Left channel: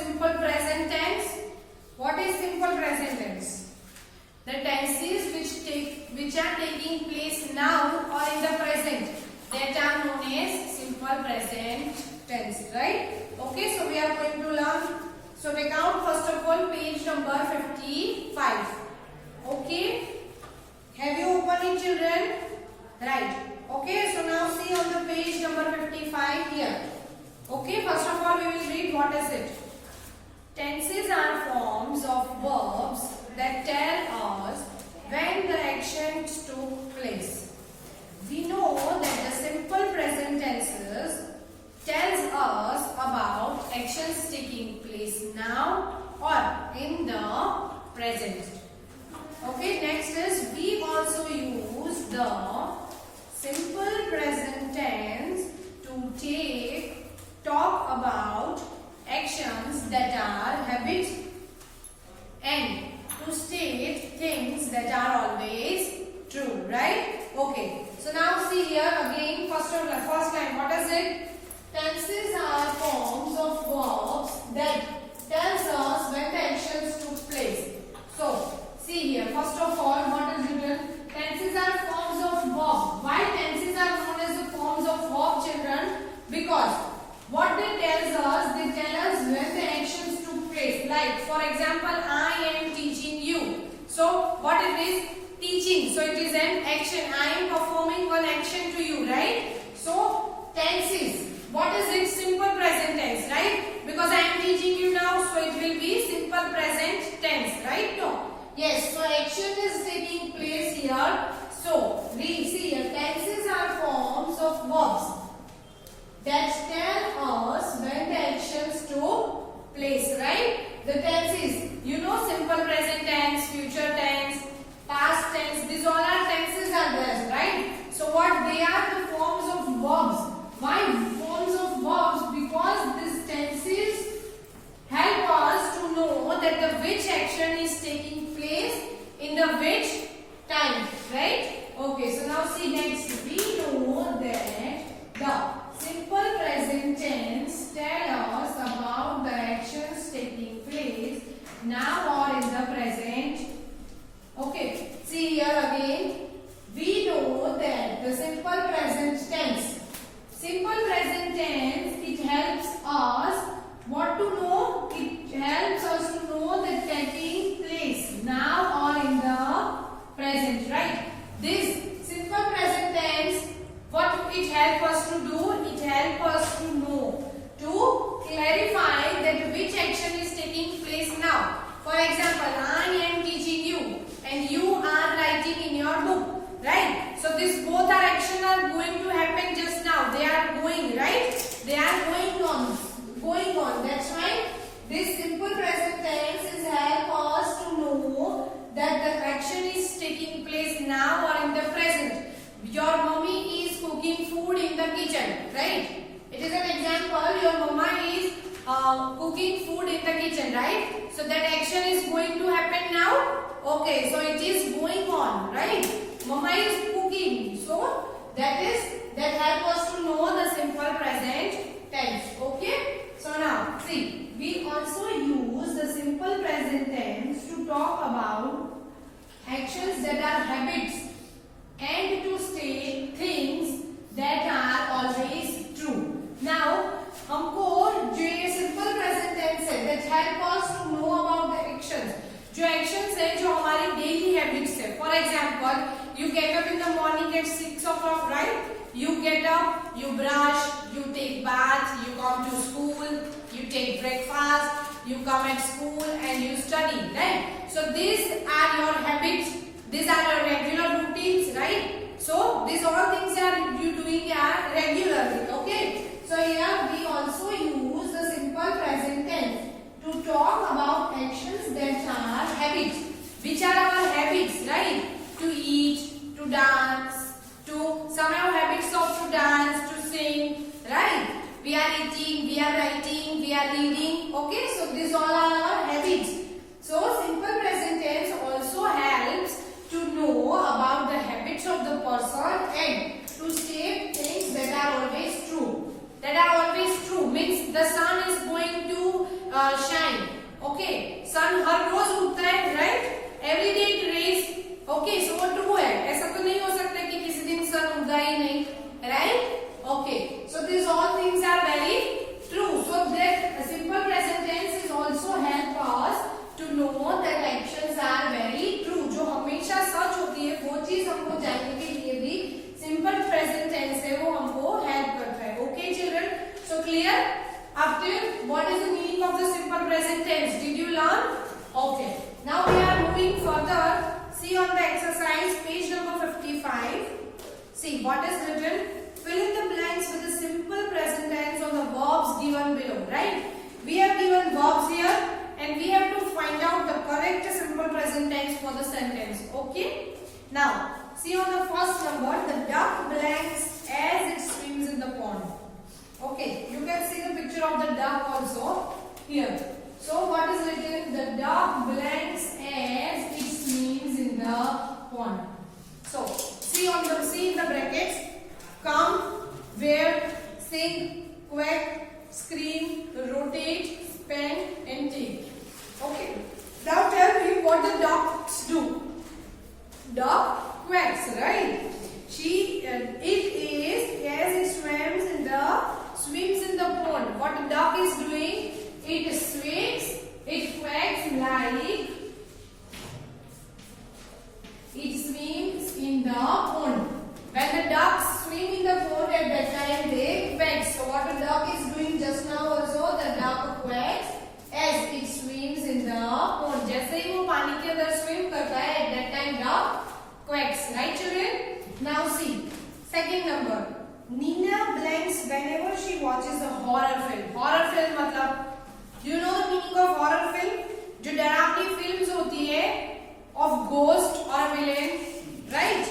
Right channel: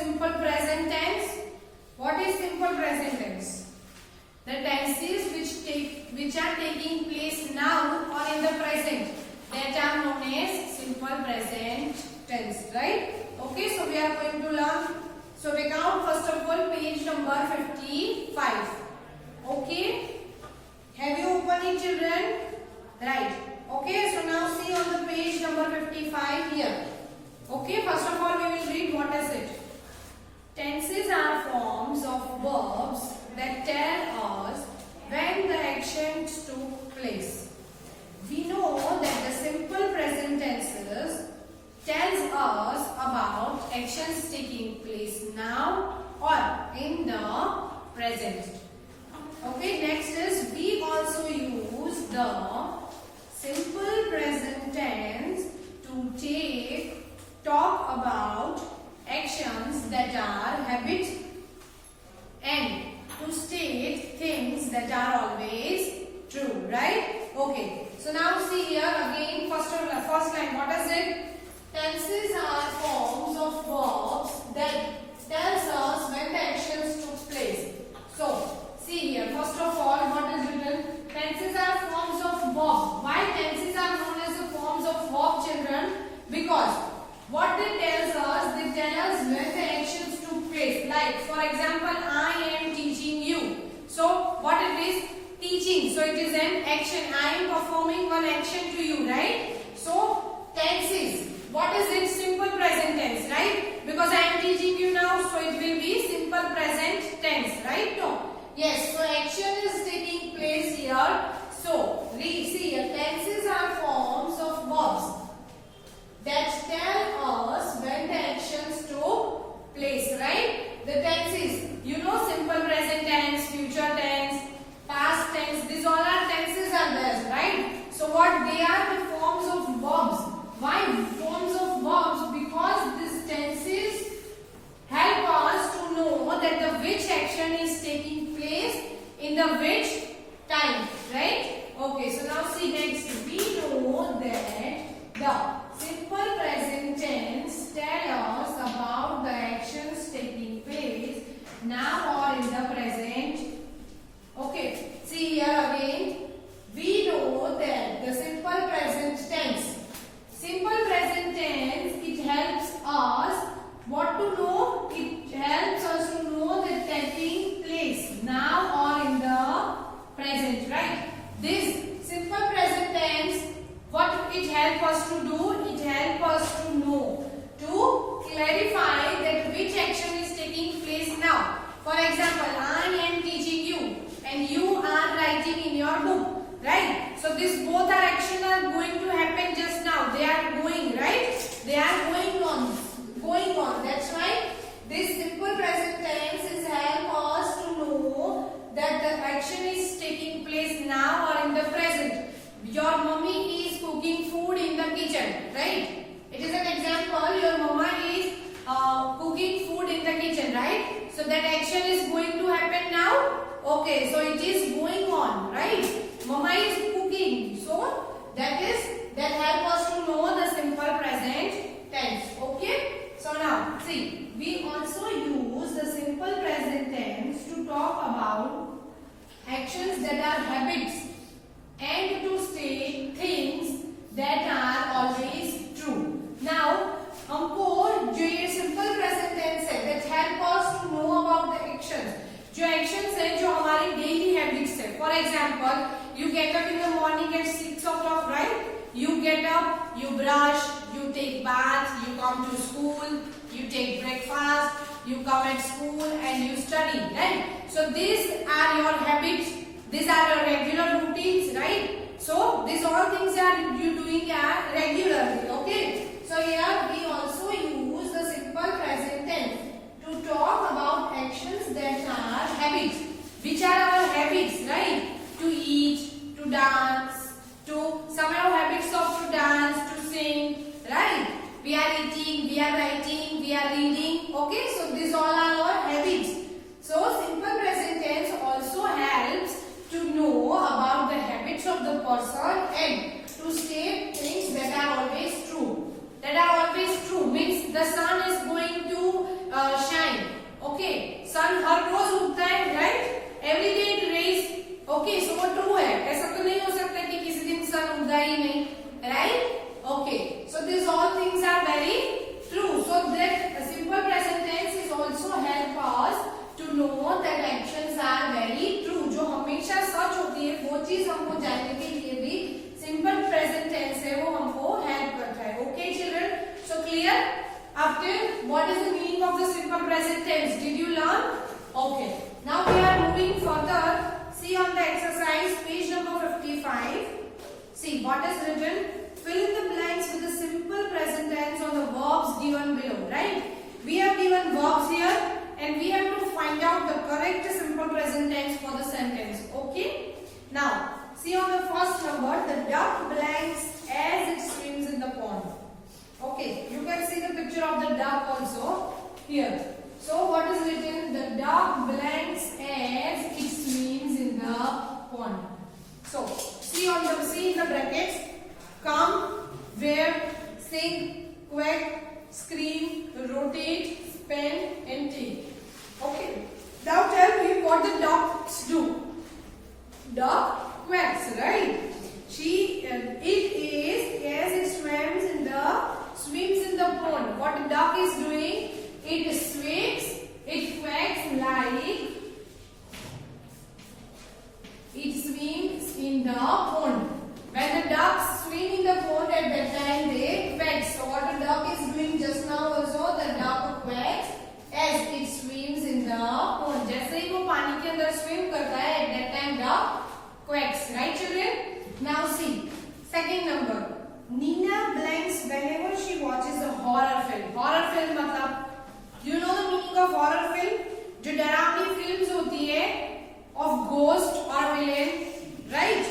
simple present tense. What is simple present tense? The tenses which are taking place now or in the present, that are known as simple present tense, right? Okay, so we are going to learn. So take out first of all page number 55. Okay, have you opened it, children? Right. Okay, so now see on the page number 55 here. Okay, first of all we will read what is it. Tenses are forms of verbs that tell us when the actions took place. We know that the simple present tenses tells us about actions taking place now or in the present. Okay, next is we also use the simple present tense to talk about actions that are habits and to state things that are always true, right? Okay, so now see here again, first line, what is it? Tenses are forms of verbs that tells us when the actions took place. So see here, first of all, what is written? Tenses are forms of verb. Why tenses are known as the forms of verb, children? Because what they tells us, they tell us when the actions took place. Like for example, I am teaching you. So what it is? Teaching. So it is an action. I am performing one action to you, right? So tenses. What is it? Simple present tense, right? Because I am teaching you now, so it will be simple present tense, right? No. Yes, so action is taking place here. So, see here, tenses are forms of verbs that tell us when the actions took place, right? The tenses, you know, simple present tense, future tense, past tense, these all are tenses are there, right? So what they are? The forms of verbs. Why forms of verbs? Because these tenses help us to know that the which action is taking place in the which time, right? Okay, so now see next, we know that the simple present tense tell us about the actions taking place now or in the present. Okay, see here again, we know that the simple present tense, it helps us what to know? It helps us to know that taking place now or in the present, right? This simple present tense, what it helps us to do? It helps us to know, to clarify that which action is taking place now. For example, I am teaching you and you are writing in your book, right? So this both are action are going to happen just now. They are going, right? They are going on. That's why this simple present tense is help us to know that the action is taking place now or in the present. Your mommy is cooking food in the kitchen, right? It is an example. Your mama is cooking food in the kitchen, right? So that action is going to happen now. Okay, so it is going on, right? Mama is cooking. So that help us to know the simple present tense. Okay. So now see, we also use the simple present tense to talk about actions that are habits and to state things that are always true. Now हमको जो ये simple present tense है that help us to know about the actions. जो actions है जो हमारी daily habits है. For example, you get up in the morning at 6 o'clock, right? You get up, you brush, you take bath, you come to school, you take breakfast, you come at school and you study, right? So these are your habits, these are your regular routines, right? So these all things are you doing regularly, okay? So here we also use the simple present tense to talk about actions that are habits. Which are our habits, right? To eat, to dance, to some of habits of to dance, to sing, right? We are eating, we are writing, we are reading, okay? So these all are our habits. So simple present tense also helps to know about the habits of the person and to state things that are always true. That are always true means the sun is going to shine every day it rains. Okay, so वो true है. ऐसा तो नहीं हो सकता कि किसी दिन sun उगता ही नहीं, right? Okay, so these all things are very true. So that a simple present tense is also help us to know that actions are very true. जो हमेशा सच होती है वो चीज हमको जानने के लिए भी simple present tense है वो हमको help करता है. Okay, children? So clear? After, what is the meaning of the simple present tense? Did you learn? Okay. Now we are moving further. See on the exercise, page number 55. See what is written. Fill in the blanks with the simple present tense on the verbs given below. Right? We have given verbs here, and we have to find out the correct simple present tense for the sentence. Okay? Now, see on the first number, the duck blanks as it swims in the pond. Okay, you can see the picture of the duck also here. So what is written? The duck blanks as it swims in the pond. So see in the brackets. Come, where, sing, quack, scream, rotate, span, and take. Okay. Now tell me what the ducks do. Duck quacks, right? It is as it swims in the pond. What the duck is doing? It swims, it quacks like it swims in the pond. When the ducks swim in the pond at that time they quack. So what the duck is doing just now also, the duck quacks as it swims in the pond. जैसे ही वो पानी के अंदर swim करता है at that time duck quacks. Right, children? Now see, second number. Nina blanks whenever she watches a horror film. Horror film मतलब, do you know the meaning of horror film? जो डरावनी films होती है of ghost or villain, right?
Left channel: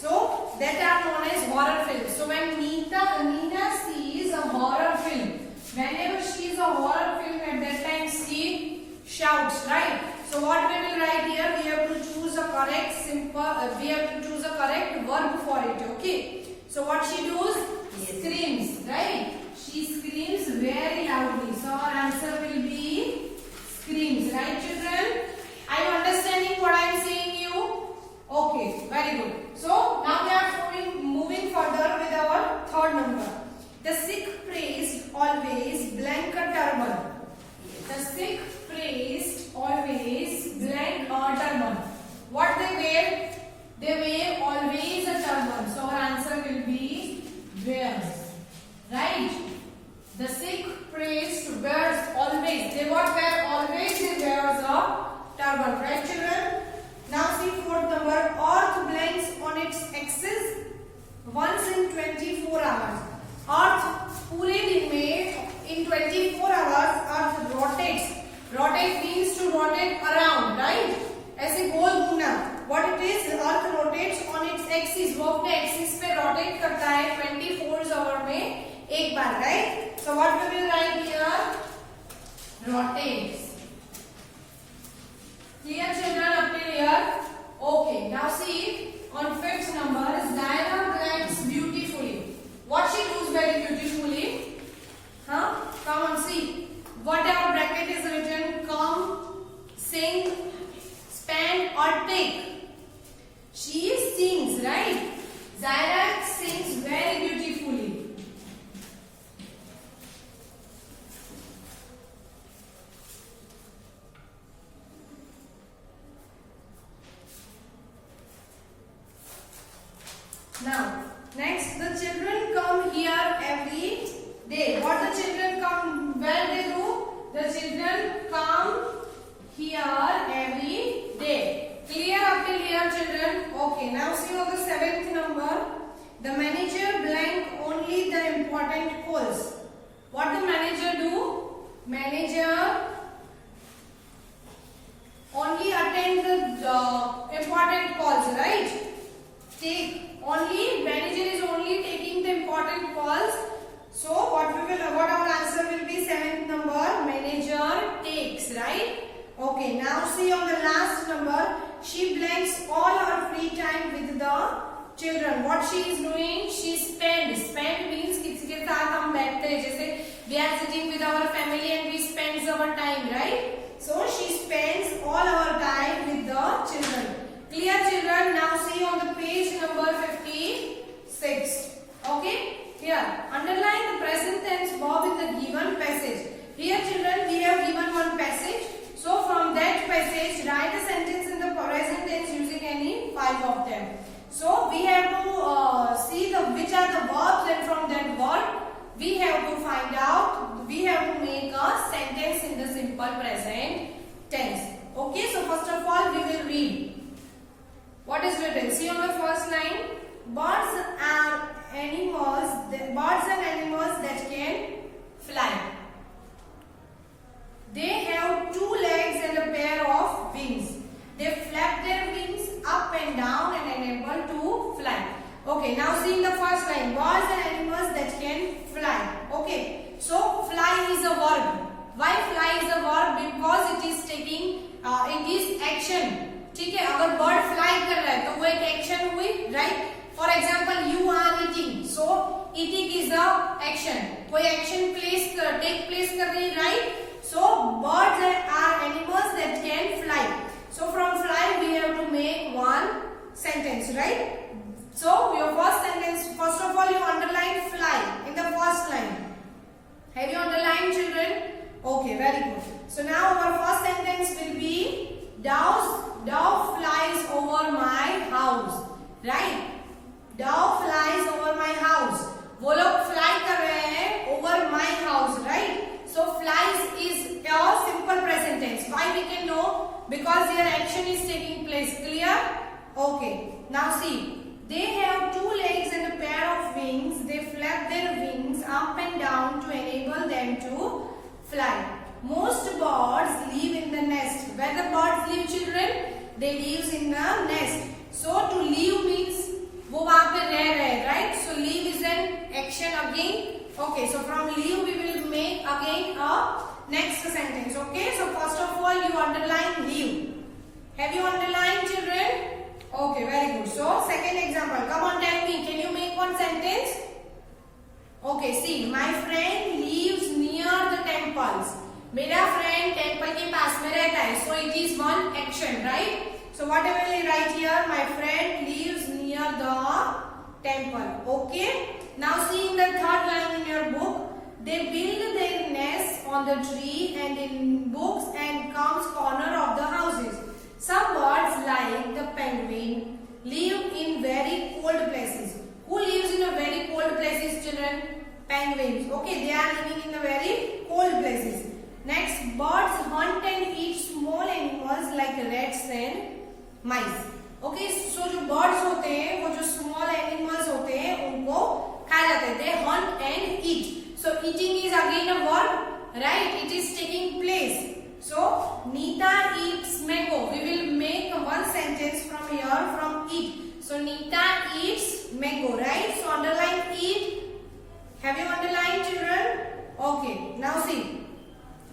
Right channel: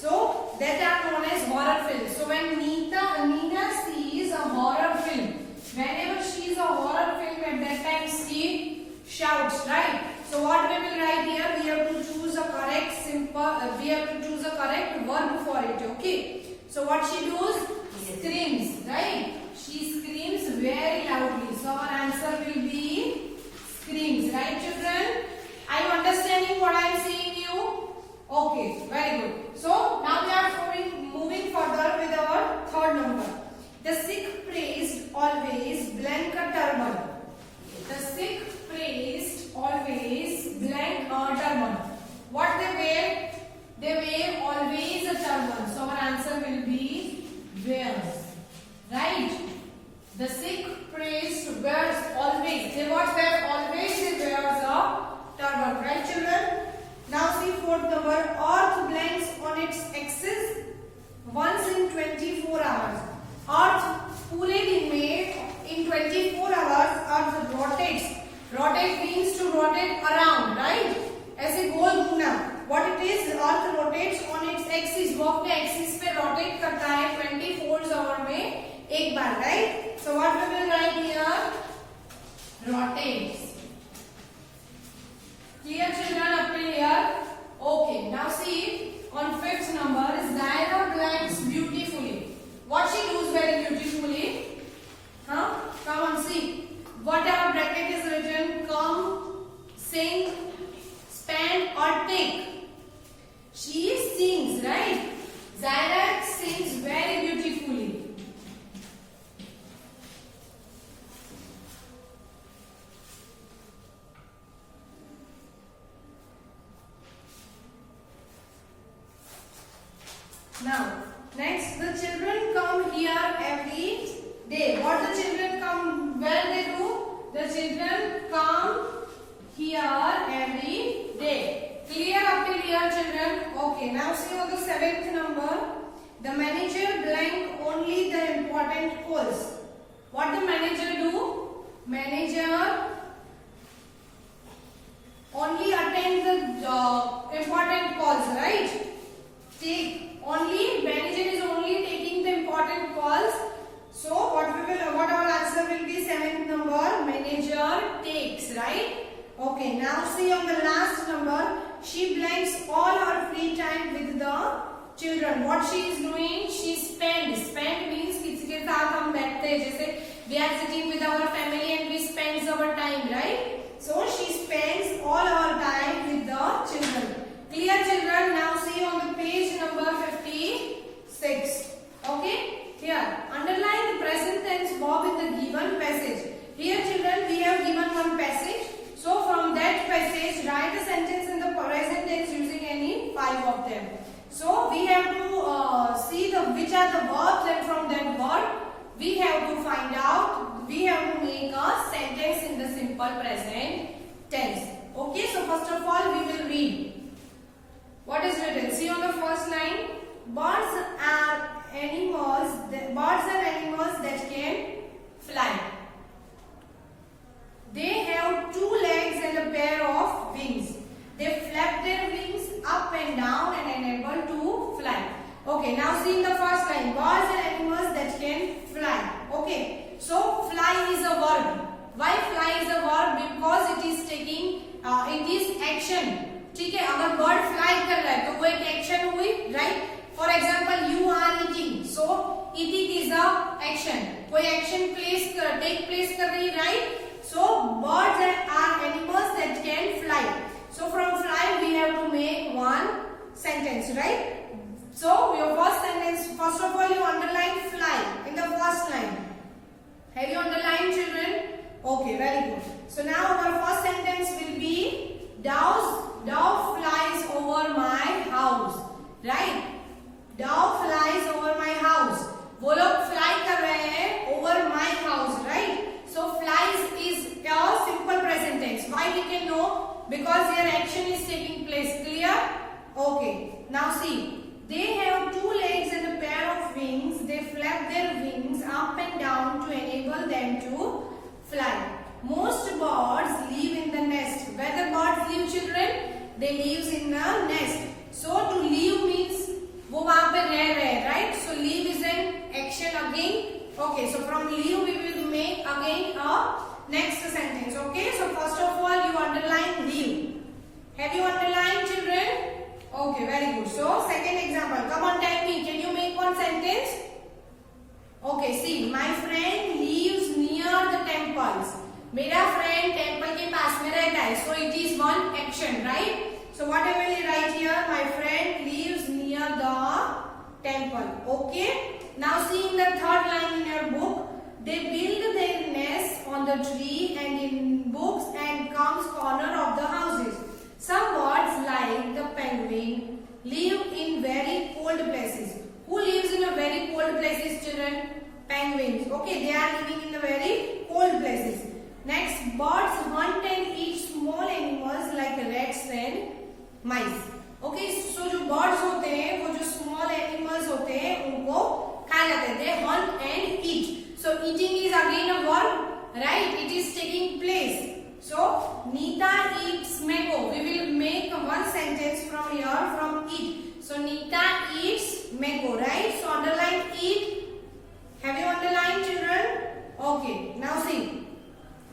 So that are known as horror films. So when Nina sees a horror film, whenever she is a horror film at that time she shouts, right? So what we will write here? We have to choose a correct we have to choose a correct verb for it. Okay. So what she does? Screams, right? She screams very loudly. So our answer will be screams, right, children? Are you understanding what I am saying you? Okay, very good. So now we are moving further with our third number. The sick praised always blank a turban. The sick praised always blank a turban. What they wear? They wear always a turban. So our answer will be wears. Right? The sick praised wears always. They what wear always? They wears a turban. Right, children? Now see fourth number. Earth blanks on its axis once in 24 hours. Earth पूरे दिन में in 24 hours Earth rotates. Rotate means to rotate around, right? ऐसे गोल घूमना. What it is? The Earth rotates on its axis. वो अपने axis पे rotate करता है 24 hours में एक बार, right? So what we will write here? Rotates. Clear, children, up till here? Okay. Now see on fifth number is Zaira blanks beautifully. What she does very beautifully? Huh? Come on, see. Whatever bracket is written, come, sing, span or take. She sings, right? Zaira sings very beautifully. Now, next, the children come here every day. What the children come, well they do? The children come here every day. Clear up till here, children? Okay, now see on the seventh number. The manager blank only the important calls. What do manager do? Manager only attend the important calls, right? Manager is only taking the important calls. So what our answer will be seventh number. Manager takes, right? Okay, now see on the last number. She blanks all her free time with the children. What she is doing? She spends. Spend means किसी के साथ हम बैठते हैं. जैसे we are sitting with our family and we spend our time, right? So she spends all her time with the children. 5 of them. So we have to see which are the verbs, and from that word we have to find out, we have to make a sentence in the simple present tense. Okay, so first of all we will read what is written. See on the first line, birds are animals that can fly. They have 2 legs and a pair of wings. They flap their wings up and down and enable to fly. Okay, now see in the first line, birds are animals that can fly. Okay, so fly is a verb. Why fly is a verb? Because it is taking it is action. ठीक है, अगर bird fly कर रहा है तो वो एक action हुई, right? For example, you are eating, so eating is a action. कोई action take place कर रही है, right? So birds are animals that can fly. So from fly we have to make one sentence, right? So your first sentence, first of all you underline fly in the first line. Have you underlined, children? Okay, very good. So now our first sentence will be dove flies over my house, right? Dove flies over my house. वो लोग fly कर रहे हैं over my house, right? So flies is a simple present tense. Why we can know? Because their action is taking place. Clear? Okay. Now see. They have 2 legs and a pair of wings. They flap their wings up and down to enable them to fly. Most birds live in the nest. Where the birds live, children? They live in the nest. So to live means वो वहाँ पे रह रहे, right? So live is an action again. Okay, so from live we will make again a next sentence. Okay, so first of all you underline live. Have you underlined, children? Okay, very good. So second example, come on, tell me, can you make one sentence? Okay, see, my friend lives near the temples. मेरा friend temple के पास में रहता है. So it is one action, right? So what I will write here? My friend lives near the temple. Okay. Now see in the third line in your book, they build their nests on the tree and in books and comes corner of the houses. Some birds like the penguin live in very cold places. Who lives in a very cold places, children? Penguins. Okay, they are living in a very cold places. Next, birds hunt and eat small animals like rats and mice. Okay, so जो birds होते हैं, वो जो small animals होते हैं, उनको खाया जाता है. They hunt and eat. So eating is again a verb, right? It is taking place. So Nita eats mango. We will make one sentence from here from eat. So Nita eats mango, right? So underline eat. Have you underlined, children? Okay. Now see.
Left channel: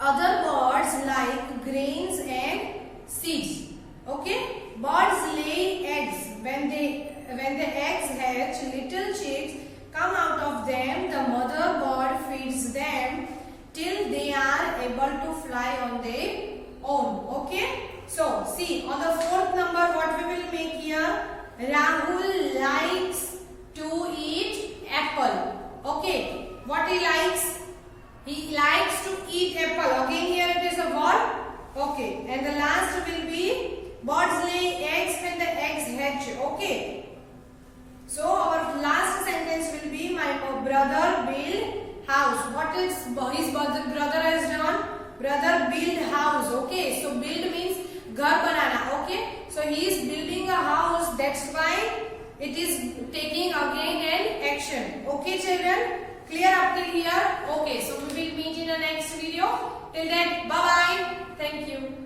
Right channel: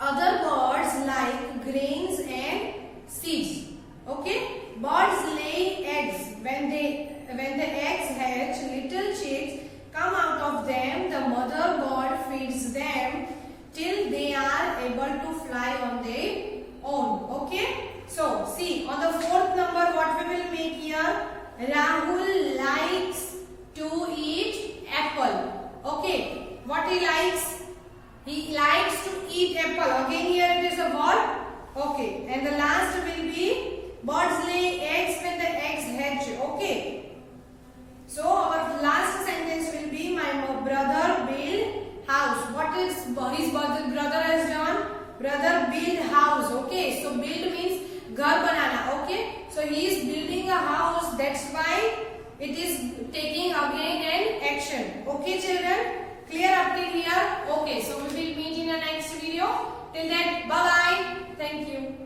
Other birds like grains and seeds. Okay. Birds lay eggs. When the eggs hatch, little chicks come out of them. The mother bird feeds them till they are able to fly on their own. Okay. So see on the fourth number what we will make here. Rahul likes to eat apple. Okay. What he likes? He likes to eat apple. Again here it is a verb. Okay. And the last will be birds lay eggs when the eggs hatch. Okay. So our last sentence will be my brother build house. What is his brother has done? Brother build house. Okay. So build means घर बनाना. Okay. So he is building a house. That's why it is taking again an action. Okay, children. Clear up till here? Okay. So we will meet in the next video. Till then, bye bye. Thank you.